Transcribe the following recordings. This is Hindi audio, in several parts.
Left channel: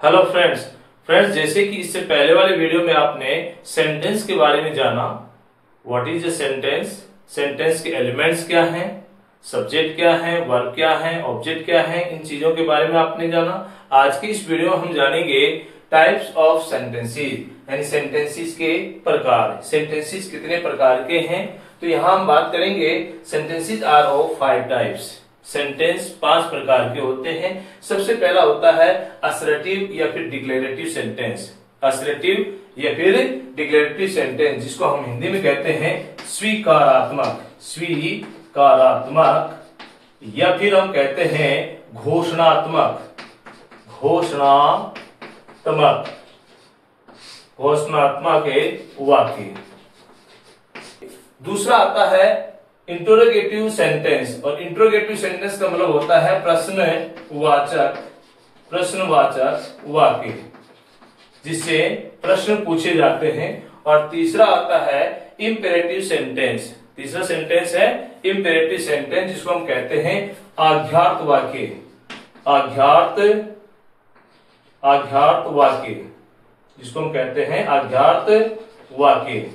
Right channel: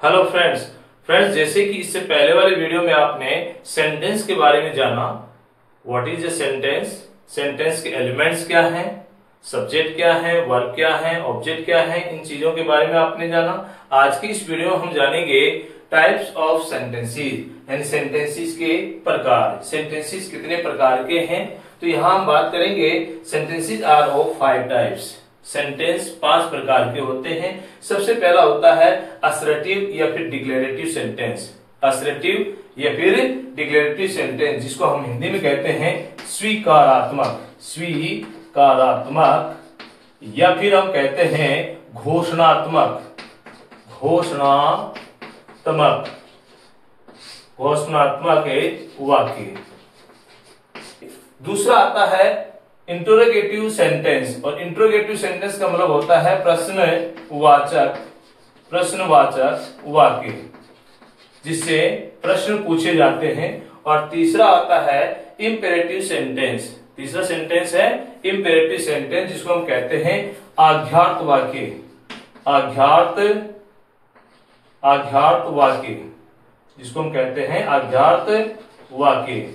Hello friends. जैसे कि इससे पहले वाले वीडियो में आपने सेंटेंस के बारे में जाना, what is a sentence, sentence के एलिमेंट्स क्या हैं, सब्जेक्ट क्या है, वर्ब क्या है, ऑब्जेक्ट क्या है, इन चीजों के बारे में आपने जाना। आज की इस वीडियो में हम जानेंगे टाइप्स ऑफ सेंटेंसेस, यानी सेंटेंसेस के प्रकार। सेंटेंसेस कितने प्रकार के हैं, तो यहाँ हम बात करेंगे sentences are of 5 types. Sentence 5 प्रकार के होते हैं। सबसे पहला होता है असर्टिव या फिर डिक्लेरेटिव सेंटेंस। असर्टिव या फिर डिक्लेरेटिव सेंटेंस, जिसको हम हिंदी में कहते हैं स्वीकारात्मक, स्वीकारात्मक, या फिर हम कहते हैं घोषणात्मक, घोषणात्मक, घोषणात्मक वाक्य। दूसरा आता है इंटरोगेटिव सेंटेंस, और इंटरोगेटिव सेंटेंस का मतलब होता है प्रश्नवाचक, प्रश्नवाचक वाक्य, जिससे प्रश्न पूछे जाते हैं। और तीसरा आता है इंपेरेटिव सेंटेंस। तीसरा सेंटेंस है इंपेरेटिव सेंटेंस, जिसको हम कहते हैं आज्ञार्थ वाक्य, आज्ञार्थ, आज्ञार्थ वाक्य, जिसको हम कहते हैं आज्ञार्थ वाक्य।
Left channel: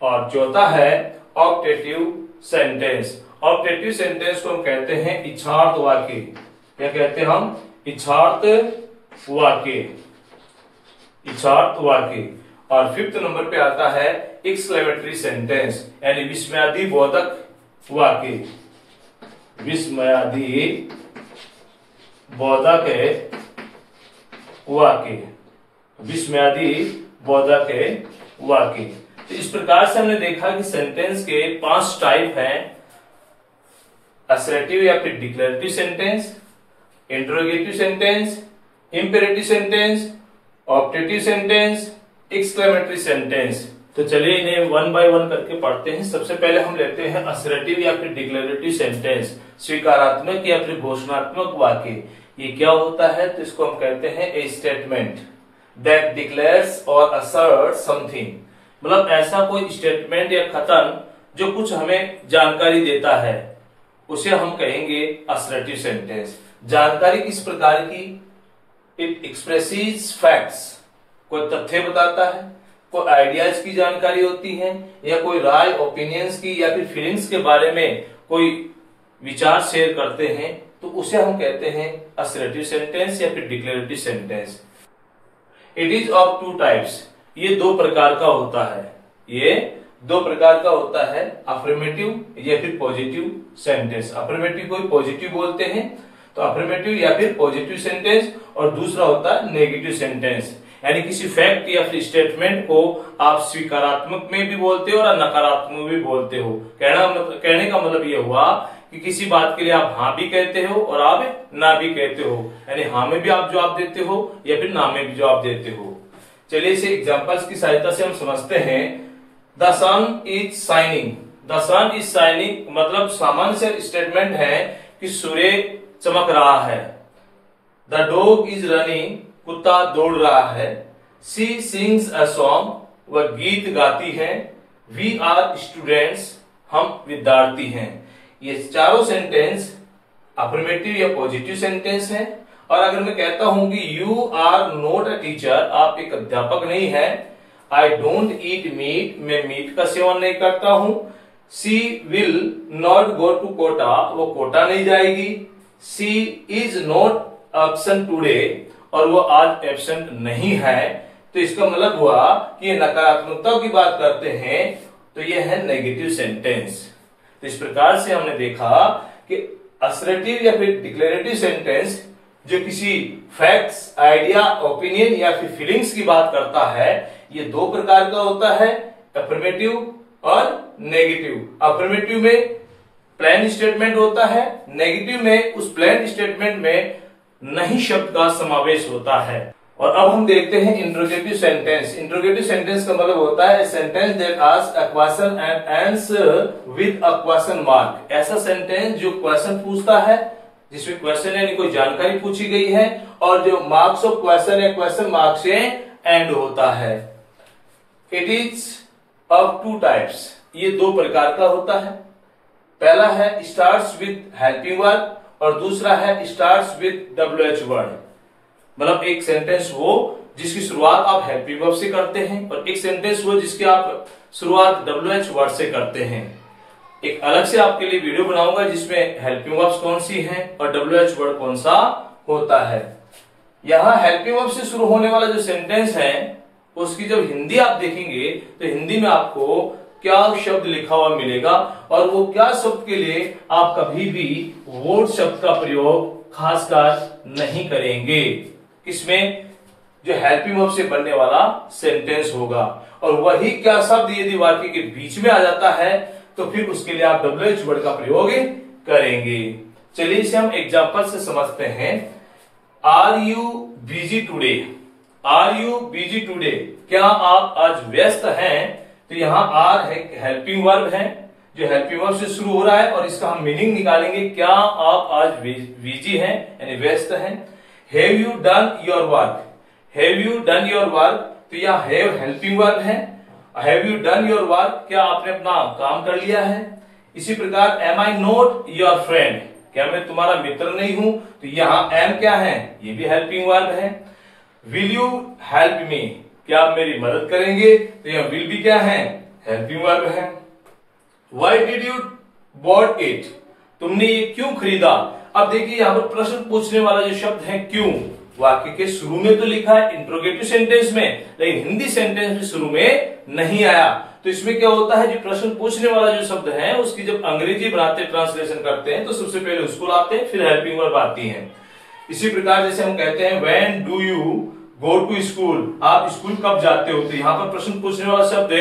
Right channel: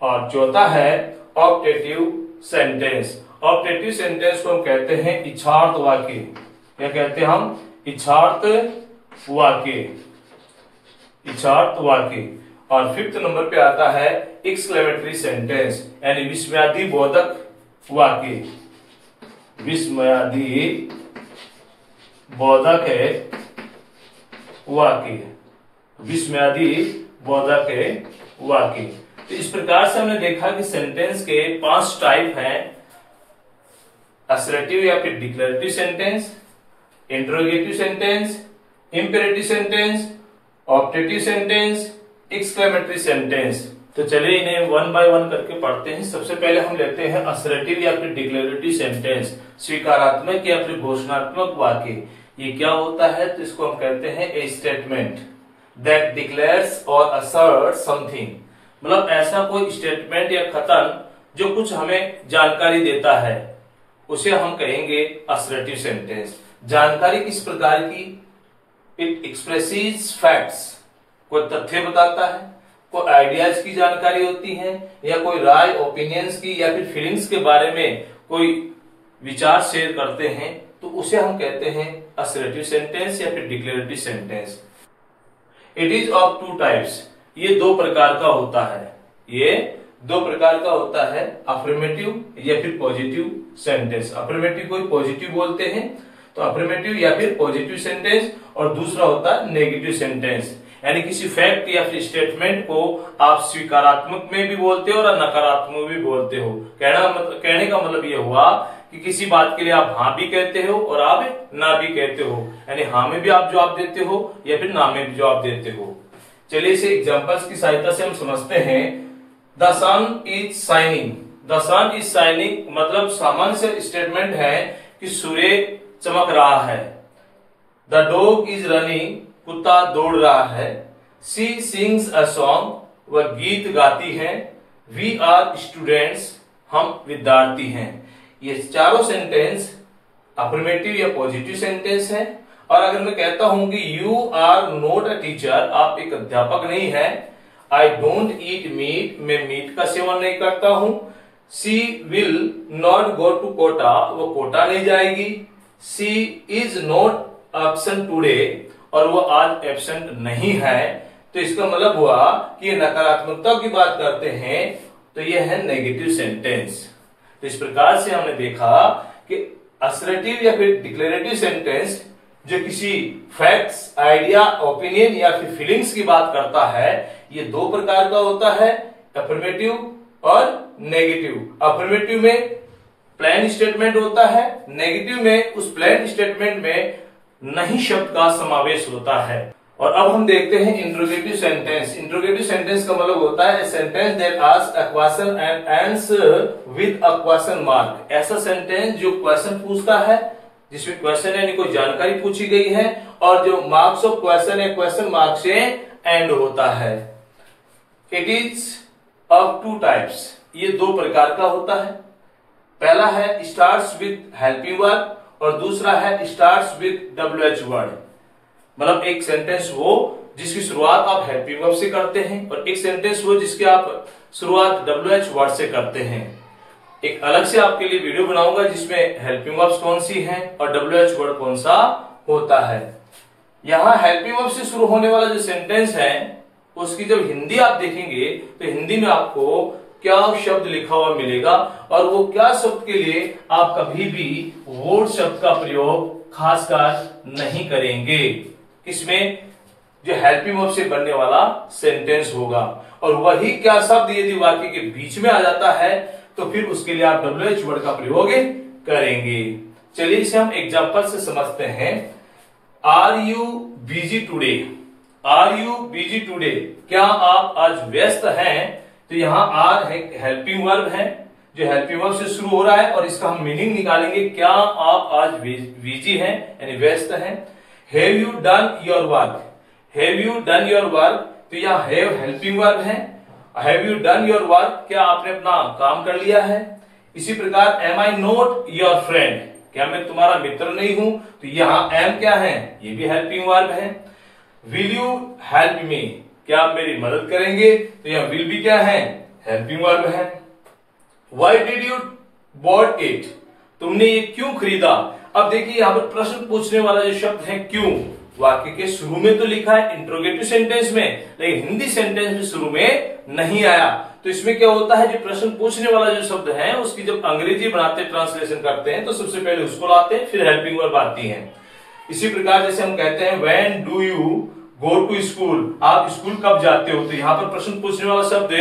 और चौथा है ऑप्टेटिव सेंटेंस। ऑप्टेटिव सेंटेंस को हम कहते हैं इच्छार्थ वाक्य। क्या कहते हैं हम? इच्छार्थ वाक्य, इच्छार्थ वाक्य। और 5th नंबर पे आता है एक्सक्लेमेटरी सेंटेंस, यानी विस्मयादि बोधक वाक्य, विस्मयादि बोधक वाक्य, विस्मयादि बोधक वाक्य। तो इस प्रकार से हमने देखा कि सेंटेंस के 5 टाइप हैं, असर्टिव या फिर declarative sentence, interrogative sentence, imperative sentence, optative sentence, exclamatory sentence. तो चलिए इन्हें 1 बाय 1 करके पढ़ते हैं। सबसे पहले हम लेते हैं असर्टिव या फिर डिक्लेरेटिव सेंटेंस, स्वीकारात्मक या फिर घोषणात्मक वाक्य। ये क्या होता है? तो इसको हम कहते हैं ए स्टेटमेंट दैट डिक्लेयर्स और असर्ट समथिंग। मतलब ऐसा कोई स्टेटमेंट या कथन जो कुछ हमें जानकारी देता है, उसे हम कहेंगे असर्टिव सेंटेंस। जानकारी किस प्रकार की? इट एक्सप्रेसेस फैक्ट्स, कोई तथ्य बताता है, कोई आइडियाज की जानकारी होती है, या कोई राय, ओपिनियंस की, या फिर फीलिंग्स के बारे में कोई विचार शेयर करते हैं, तो उसे हम कहते हैं असर्टिव सेंटेंस या फिर declarative sentence. It is of 2 types. ये 2 प्रकार का होता है, ये 2 प्रकार का होता है, अफर्मेटिव या फिर पॉजिटिव सेंटेंस। अफर्मेटिव को पॉजिटिव बोलते हैं, तो अफर्मेटिव या फिर पॉजिटिव सेंटेंस। और दूसरा होता है नेगेटिव सेंटेंस, यानी किसी फैक्ट या फिर स्टेटमेंट को आप स्वीकारात्मक में भी बोलते हो और नकारात्मक भी बोलते हो। कहने का मतलब ये हुआ कि किसी बात के लिए आप हाँ भी कहते हो और आप ना भी कहते हो, यानी हाँ में भी आप जवाब देते हो या फिर ना में भी जवाब देते हो। चलिए इसे एग्जांपल्स की सहायता से हम समझते हैं। The sun is shining. The sun is shining मतलब सामान्य से स्टेटमेंट है कि सूर्य चमक रहा है। द डॉग इज रनिंग, कुत्ता दौड़ रहा है। शी सिंग्स अ सॉन्ग, वह गीत गाती है। वी आर स्टूडेंट्स, हम विद्यार्थी हैं। ये चारों सेंटेंस अफर्मेटिव या पॉजिटिव सेंटेंस हैं। और अगर मैं कहता हूं कि you are not a teacher, आप एक अध्यापक नहीं है। आई डोंट ईट मीट, मैं मीट का सेवन नहीं करता हूं। She will not go to Kota, वो कोटा नहीं जाएगी। She is not absent today, और वो आज एब्सेंट नहीं है। तो इसका मतलब हुआ कि ये नकारात्मकता की बात करते हैं, तो ये है नेगेटिव सेंटेंस। तो इस प्रकार से हमने देखा कि असर्टिव या फिर डिक्लेरेटिव सेंटेंस जो किसी फैक्ट्स, आइडिया, ओपिनियन या फिर फीलिंग्स की बात करता है, ये 2 प्रकार का होता है, अफर्मेटिव और नेगेटिव। अफर्मेटिव में प्लेन स्टेटमेंट होता है, नेगेटिव में उस प्लेन स्टेटमेंट में नहीं शब्द का समावेश होता है। और अब हम देखते हैं इंटरोगेटिव सेंटेंस। इंटरोगेटिव सेंटेंस का मतलब होता है sentence that asks a question and ends with a question mark. ऐसा सेंटेंस जो क्वेश्चन पूछता है, जिसमें क्वेश्चन यानी कोई जानकारी पूछी गई है, और जो मार्क्स ऑफ क्वेश्चन है क्वेश्चन मार्क से एंड होता है। It is of 2 types. ये 2 प्रकार का होता है। पहला है स्टार्ट्स विद हेल्पिंग वर्ब, और दूसरा है स्टार्ट्स विद WH वर्ड। मतलब एक सेंटेंस वो जिसकी शुरुआत आप हेल्पिंग वर्ब से करते हैं और एक सेंटेंस वो जिसकी आप शुरुआत WH वर्ड से करते हैं। एक अलग से आपके लिए वीडियो बनाऊंगा जिसमें हेल्पिंग वर्ब्स कौन सी हैं और WH वर्ड कौन सा होता है। यहाँ हेल्पिंग वर्ब से शुरू होने वाला जो सेंटेंस है उसकी जब हिंदी आप देखेंगे तो हिंदी में आपको क्या शब्द लिखा हुआ मिलेगा और वो क्या शब्द के लिए आप कभी भी वोट शब्द का प्रयोग खासकर नहीं करेंगे। इसमें जो हेल्पिंग वर्ब से बनने वाला सेंटेंस होगा और वही क्या शब्द यदि वाक्य के बीच में आ जाता है तो फिर उसके लिए आप WH वर्ड का प्रयोग करेंगे। चलिए इसे हम एग्जांपल से समझते हैं। Are you busy today, are you busy today, क्या आप आज व्यस्त हैं? तो यहाँ आर है हेल्पिंग वर्ब है जो हेल्पिंग वर्ब से शुरू हो रहा है और इसका हम मीनिंग निकालेंगे, क्या आप आज बिजी हैं यानी व्यस्त हैं। Have you done your work, have you done your work, तो यह हैव हेल्पिंग वर्ब है। Have you done your work, क्या आपने अपना काम कर लिया है। इसी प्रकार am I not your friend, क्या मैं तुम्हारा मित्र नहीं हूं, तो यहाँ एम क्या है, ये भी हेल्पिंग वर्ब है। विल यू हेल्प मी, क्या आप मेरी मदद करेंगे, तो यहाँ विल भी क्या है, हेल्पिंग वर्ब है। Why did you bought it, तुमने ये क्यों खरीदा। अब देखिए यहाँ पर प्रश्न पूछने वाला जो शब्द है क्यों, वाक्य के शुरू में तो लिखा है इंट्रोगेटिव सेंटेंस में, लेकिन हिंदी सेंटेंस में शुरू में नहीं आया। तो इसमें क्या होता है, जो प्रश्न पूछने वाला जो शब्द है उसकी जब अंग्रेजी बनाते ट्रांसलेशन करते हैं तो सबसे पहले उसको लाते हैं, फिर हेल्पिंग वर्ब आती है। इसी प्रकार जैसे हम कहते हैं when do you go to school, आप स्कूल कब जाते हो, तो यहाँ पर प्रश्न पूछने वाला शब्द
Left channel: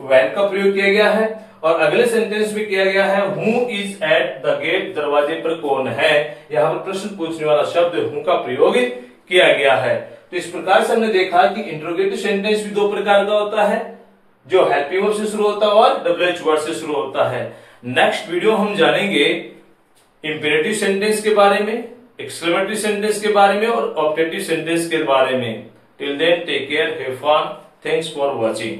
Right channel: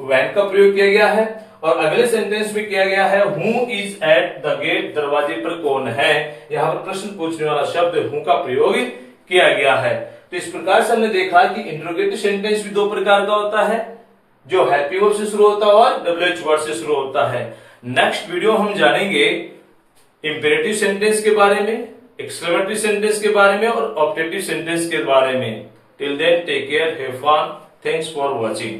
व्हेन का प्रयोग किया गया है और अगले सेंटेंस में किया गया है who is at the gate, दरवाजे पर कौन है। यहाँ पर प्रश्न पूछने वाला शब्द हु का प्रयोग किया गया है। तो इस प्रकार से हमने देखा कि इंट्रोगेटिव सेंटेंस भी दो प्रकार का होता है, जो हेल्पिंग वर्ब से शुरू होता है और WH वर्ड से शुरू होता है। नेक्स्ट वीडियो हम जानेंगे इंपेरेटिव सेंटेंस के बारे में, एक्सक्लेमेटरी सेंटेंस के बारे में और ऑब्जेक्टिव सेंटेंस के बारे में। Till then take care, have fun, thanks for watching.